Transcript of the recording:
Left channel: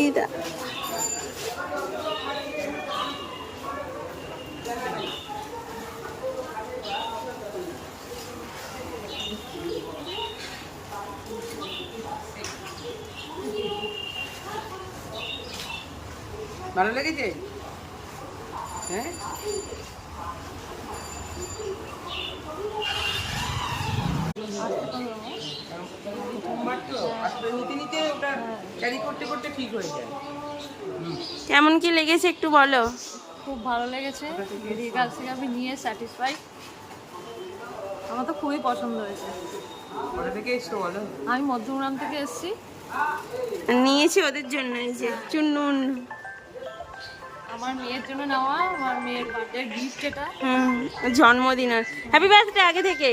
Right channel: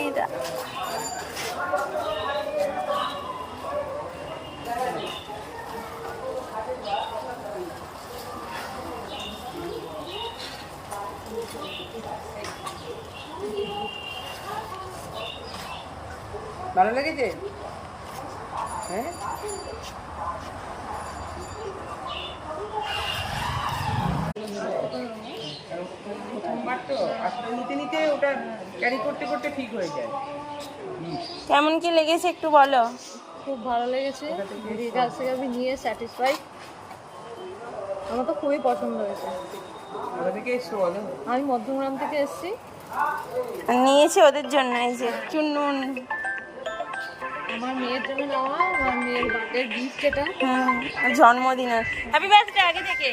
এইটা ভালো লেগেছে? হ্যাঁ, প্রথমবার তো আস্তে নিতে নিতে ওটা ক্যারি করতে করতে ঠিক হয়ে যায়। কেমন কি লেগেছে একটু বলো। খুব ভালো লেগেছে, দিদির কাছ থেকে আমি নিয়ে স্যাটিসফাই। আমার তো খুবই পছন্দ হয়েছে। কোথা থেকে এসছো বলো? আমি মধ্যমগ্রাম থেকে এসেছি। নিয়েছি ওদের জন্য, এই যে চুন্নুন। আমার মেয়ের জন্য নেওয়া, আমার মেয়ের বার্থডে গিফট এটা। জন্মদিন। হ্যাপি বার্থডে আগে থেকে।